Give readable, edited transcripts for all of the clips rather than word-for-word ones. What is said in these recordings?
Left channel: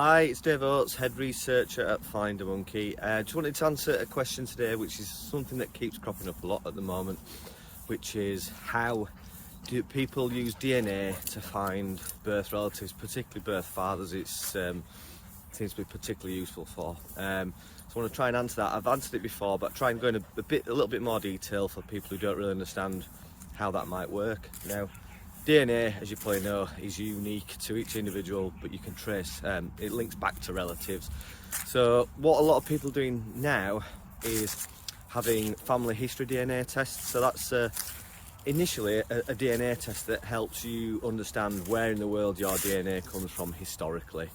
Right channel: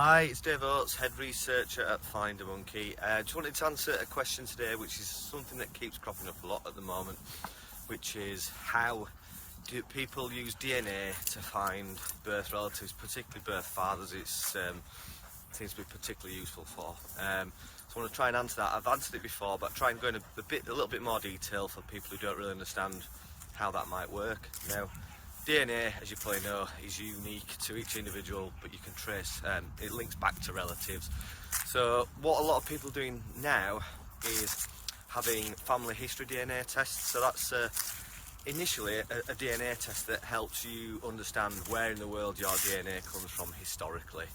Hi, it's Dave Oates, Head Researcher at FinderMonkey. Just wanted to answer a question today, which is something that keeps cropping up a lot at the moment, which is how do people use DNA to find birth relatives, particularly birth fathers. It seems to be particularly useful for. So I want to try and answer that. I've answered it before, but try and go in a little bit more detail for people who don't really understand how that might work. Now, DNA, as you probably know, is unique to each individual, but you can trace, it links back to relatives. So what a lot of people are doing now is having family history DNA tests. So that's initially a DNA test that helps you understand where in the world your DNA comes from historically,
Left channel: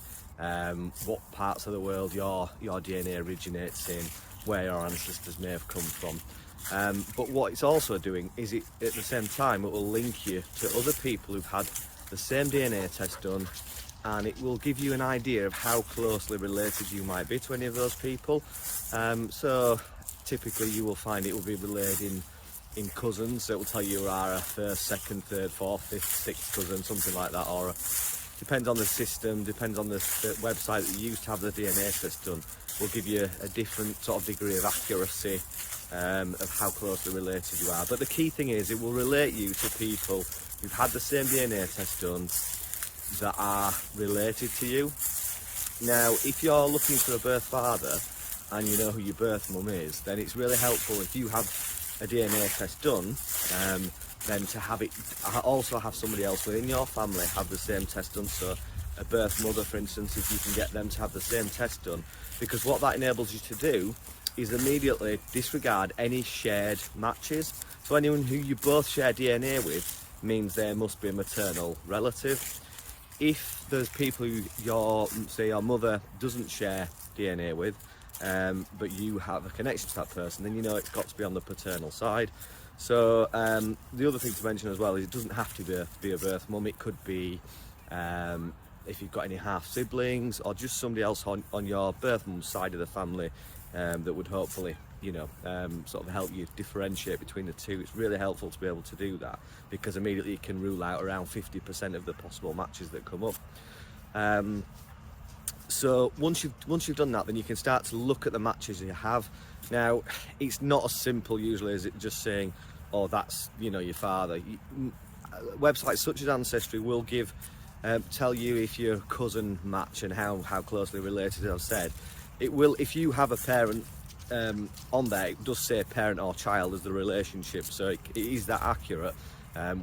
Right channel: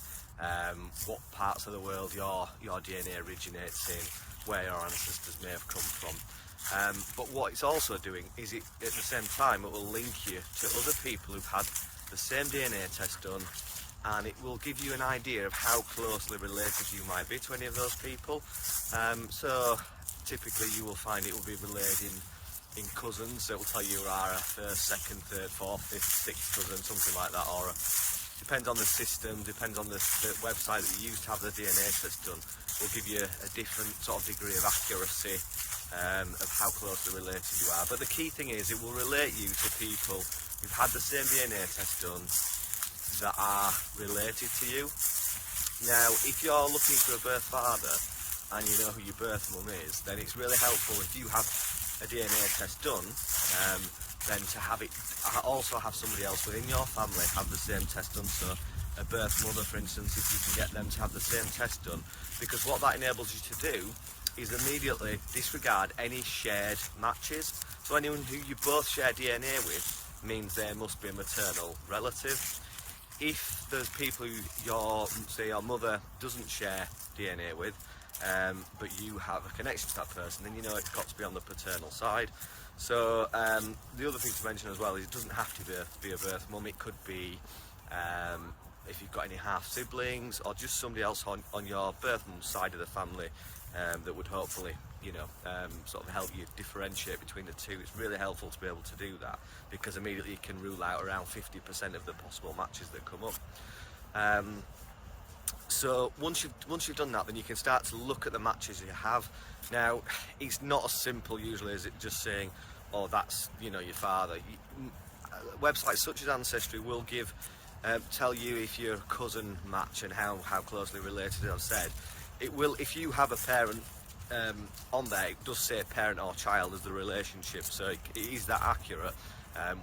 what parts of the world your DNA originates in, where your ancestors may have come from. But what it's also doing is at the same time it will link you to other people who've had the same DNA test done, and it will give you an idea of how closely related you might be to any of those people. So typically you will find it will be related in cousins. So it will tell you are a first, second, third, fourth, fifth, sixth cousin, something like that, or depends on the system, depends on the website that you use to have the DNA test done. Will give you a different sort of degree of accuracy of how closely related you are. But the key thing is it will relate you to people who've had the same DNA test done that are related to you. Now, if you're looking for a birth father and you know who your birth mum is, then it's really helpful if you have a DNA test done, then to have it also have somebody else within your family have the same test done. So a birth mother, for instance, if you can get them to have the same test done, because what that enables you to do is immediately disregard any shared matches. So anyone who you both share DNA with means there must be a maternal relative. If there's people who your mother doesn't share DNA with, but you have a connection to that person, then you know it's got to be on the paternal side. So the other thing to mention as well is it doesn't have to be a birth mum. It could be if you've got any half siblings or just somebody else on your birth mum's side of the family that would hopefully, sort of help you differentiate between the two. It's really helpful to be able to do that, because immediately you can rule out around 50% of the possible matches that come up. So once you've done that, then you can start to look at the matches you have. Now, it's not as simple usually as it just saying, oh, that's your father. Websites such as Ancestry will tell you if your cousin match and how closely related. As I've said, it will, if you have a parent on there, it does say parent or child as the relationship, so it is that accurate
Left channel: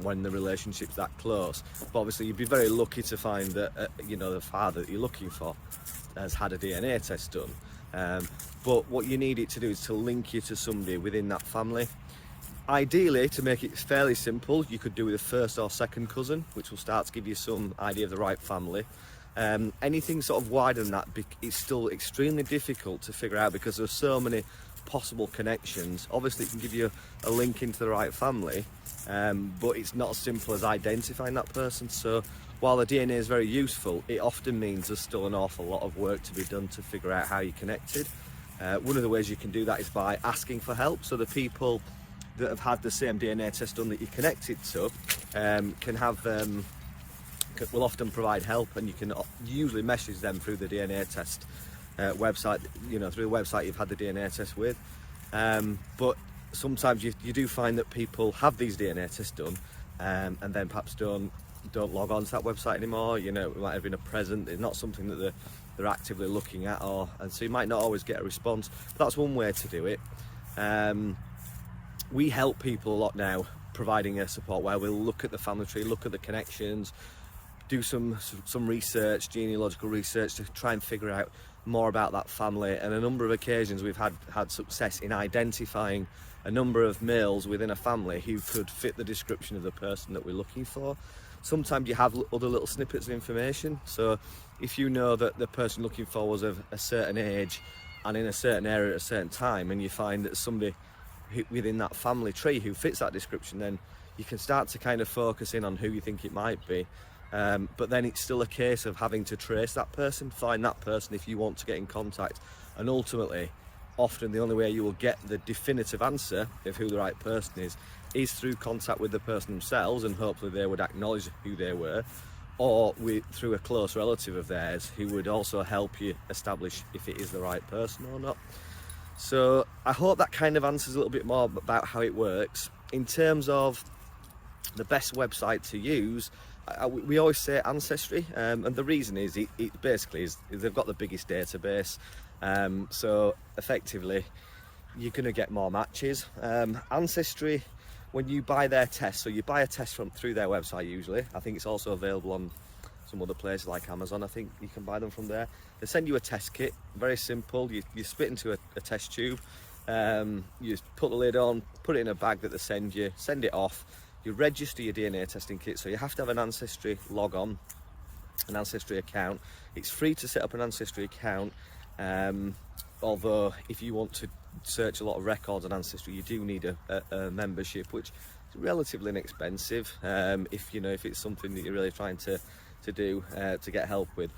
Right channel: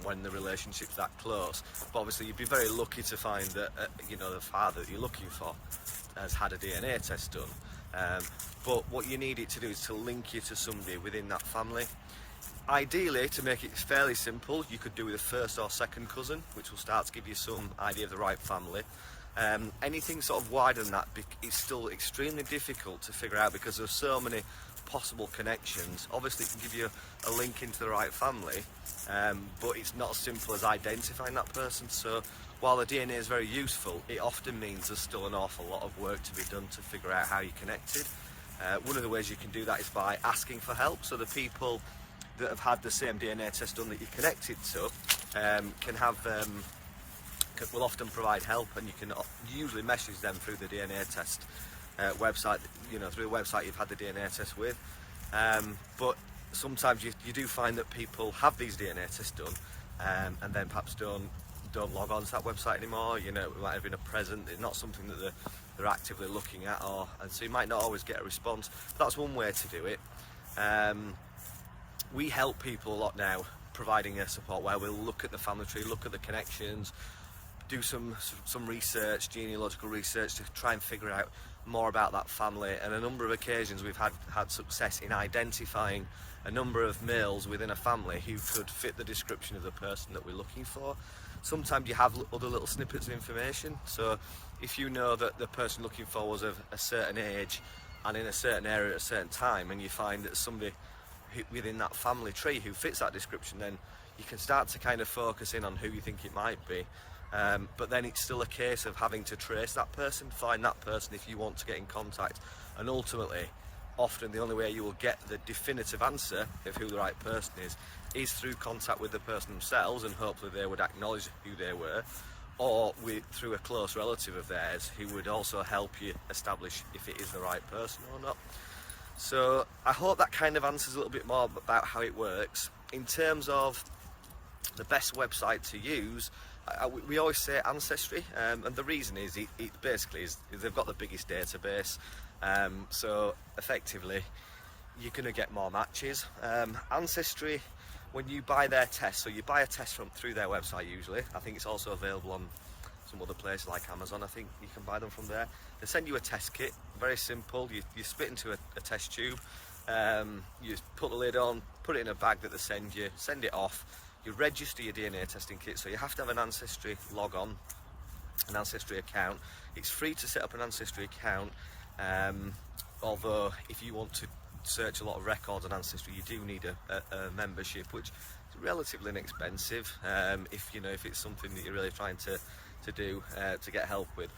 when the relationship's that close. But obviously you'd be very lucky to find that the father that you're looking for has had a DNA test done. But what you need it to do is to link you to somebody within that family. Ideally, to make it fairly simple, you could do with a first or second cousin, which will start to give you some idea of the right family. Anything sort of wider than that is still extremely difficult to figure out, because there's so many possible connections. Obviously it can give you a link into the right family, but it's not as simple as identifying that person. So while the DNA is very useful, it often means there's still an awful lot of work to be done to figure out how you're connected. One of the ways you can do that is by asking for help. So the people that have had the same DNA test done that you're connected to will often provide help, and you can usually message them through the DNA test website, through the website you've had the DNA test with. But sometimes you do find that people have these DNA tests done and then perhaps don't log on to that website anymore. It might have been a present, it's not something that they're actively looking at, and so you might not always get a response. But that's one way to do it. We help people a lot now, providing a support where we'll look at the family tree, look at the connections, do some research, genealogical research, to try and figure out more about that family. And a number of occasions we've had success in identifying a number of males within a family who could fit the description of the person that we're looking for. Sometimes you have other little snippets of information. So if you know that the person looking for was of a certain age and in a certain area at a certain time, and you find that somebody within that family tree who fits that description, then you can start to kind of focus in on who you think it might be. But then it's still a case of having to trace that person, find that person if you want to get in contact. And ultimately, often the only way you will get the definitive answer of who the right person is through contact with the person themselves, and hopefully they would acknowledge who they were, or through a close relative of theirs who would also help you establish if it is the right person or not. So I hope that kind of answers a little bit more about how it works. In terms of the best website to use, we always say Ancestry, and the reason is it basically is they've got the biggest database, so effectively you're going to get more matches. Ancestry, when you buy their test, so you buy a test through their website usually. I think it's also available on some other places like Amazon. I think you can buy them from there. They send you a test kit, very simple. You spit into a test tube, you put the lid on, put it in a bag that they send you, send it off. You register your DNA testing kit, so you have to have an Ancestry log on, an Ancestry account. It's free to set up an Ancestry account, although if you want to search a lot of records on Ancestry, you do need a membership, which is relatively inexpensive if it's something that you're really trying to do to get help with.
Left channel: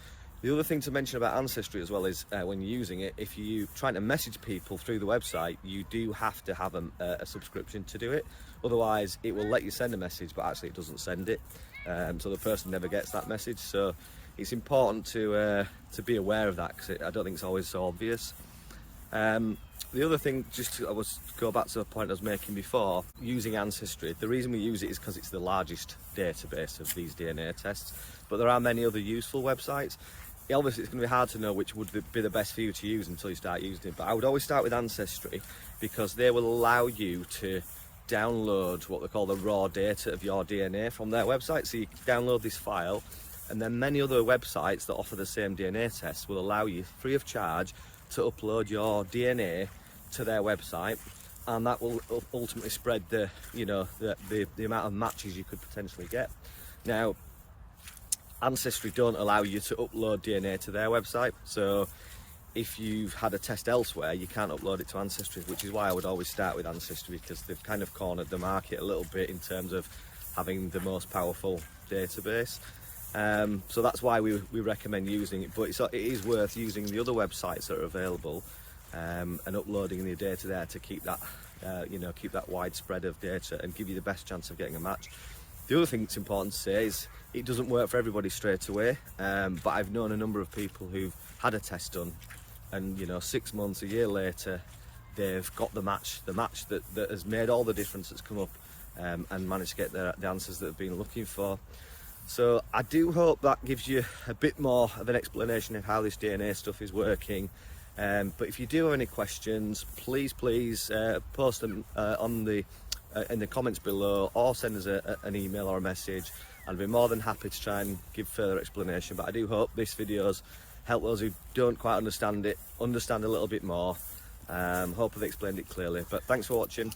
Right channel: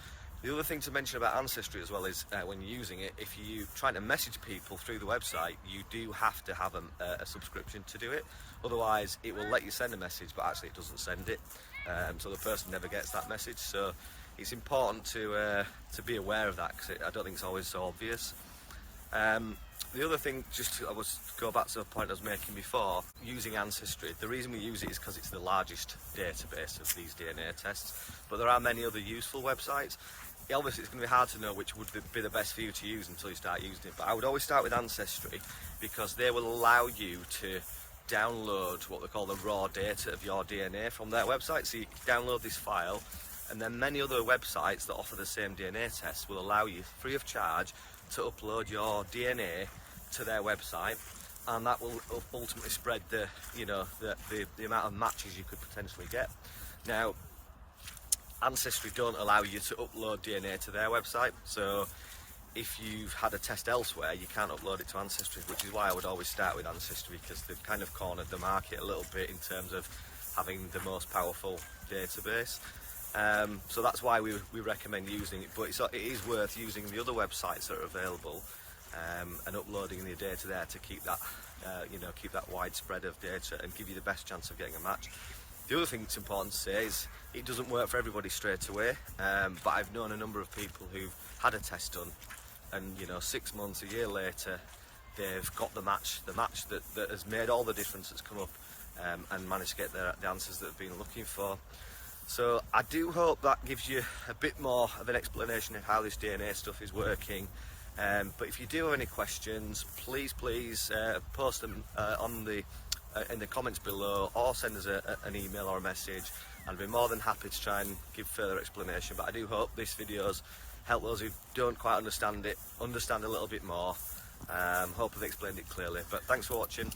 The other thing to mention about Ancestry as well is when you're using it, if you're trying to message people through the website, you do have to have a subscription to do it. Otherwise, it will let you send a message, but actually it doesn't send it, so the person never gets that message. So it's important to be aware of that, because I don't think it's always so obvious. The other thing, just to go back to the point I was making before, using Ancestry, the reason we use it is because it's the largest database of these DNA tests, but there are many other useful websites. Obviously, it's going to be hard to know which would be the best for you to use until you start using it, but I would always start with Ancestry, because they will allow you to download what they call the raw data of your DNA from their website. So you can download this file, and then many other websites that offer the same DNA tests will allow you, free of charge, to upload your DNA to their website, and that will ultimately spread the amount of matches you could potentially get. Now, Ancestry don't allow you to upload DNA to their website, so if you've had a test elsewhere, you can't upload it to Ancestry, which is why I would always start with Ancestry, because they've kind of cornered the market a little bit in terms of having the most powerful database. So that's why we recommend using it, but it is worth using the other websites that are available and uploading the data there to keep that keep that widespread of data and give you the best chance of getting a match. The other thing that's important to say is it doesn't work for everybody straight away, but I've known a number of people who've had a test done, and 6 months, a year later, they've got the match that has made all the difference that's come up, and managed to get the answers that they've been looking for. So I do hope that gives you a bit more of an explanation of how this DNA stuff is working. But if you do have any questions, please post them in the comments below, or send us an email or a message. I'd be more than happy to try and give further explanation. But I do hope this video's helped those who don't quite understand it understand a little bit more. Hope I've explained it clearly. But thanks for watching.